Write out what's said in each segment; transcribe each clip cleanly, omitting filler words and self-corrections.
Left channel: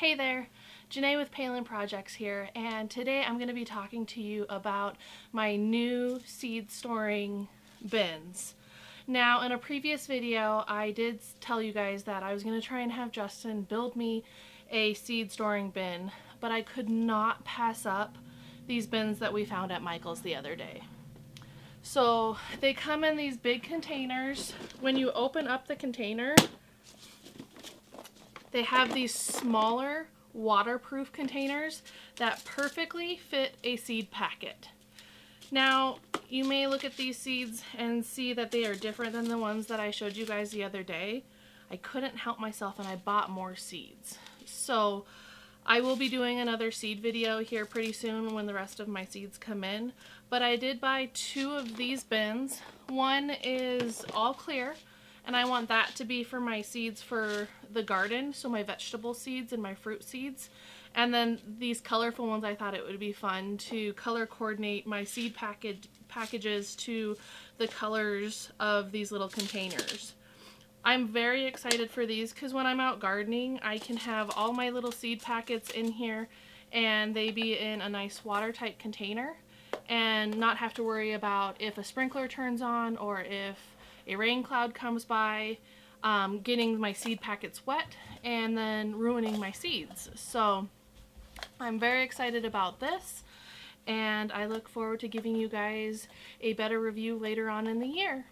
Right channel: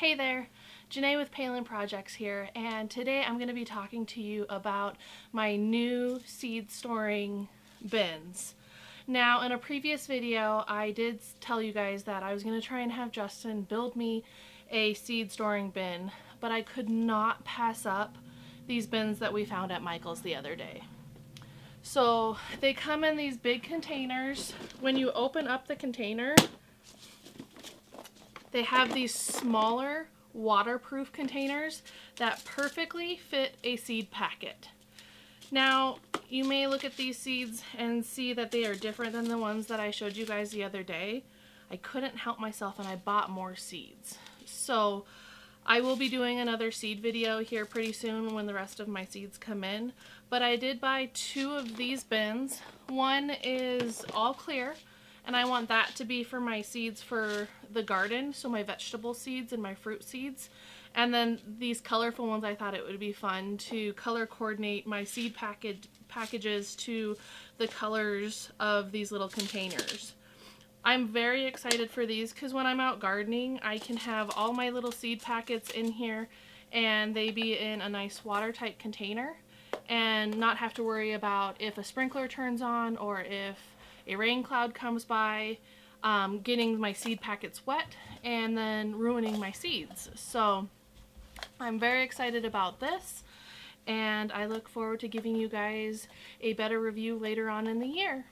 Hey there, Janae with Palin Projects here, and today I'm going to be talking to you about my new seed storing bins. Now, in a previous video, I did tell you guys that I was going to try and have Justin build me a seed storing bin, but I could not pass up these bins that we found at Michael's the other day. So they come in these big containers. When you open up the container, they have these smaller waterproof containers that perfectly fit a seed packet. Now, you may look at these seeds and see that they are different than the ones that I showed you guys the other day. I couldn't help myself and I bought more seeds. So I will be doing another seed video here pretty soon when the rest of my seeds come in. But I did buy two of these bins. One is all clear, and I want that to be for my seeds for the garden, so my vegetable seeds and my fruit seeds. And then these colorful ones, I thought it would be fun to color coordinate my seed packages to the colors of these little containers. I'm very excited for these because when I'm out gardening, I can have all my little seed packets in here and they be in a nice watertight container and not have to worry about if a sprinkler turns on or if a rain cloud comes by, getting my seed packets wet and then ruining my seeds. So I'm very excited about this, and I look forward to giving you guys a better review later on in the year.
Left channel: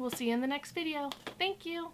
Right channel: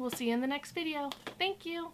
We'll see you in the next video. Thank you.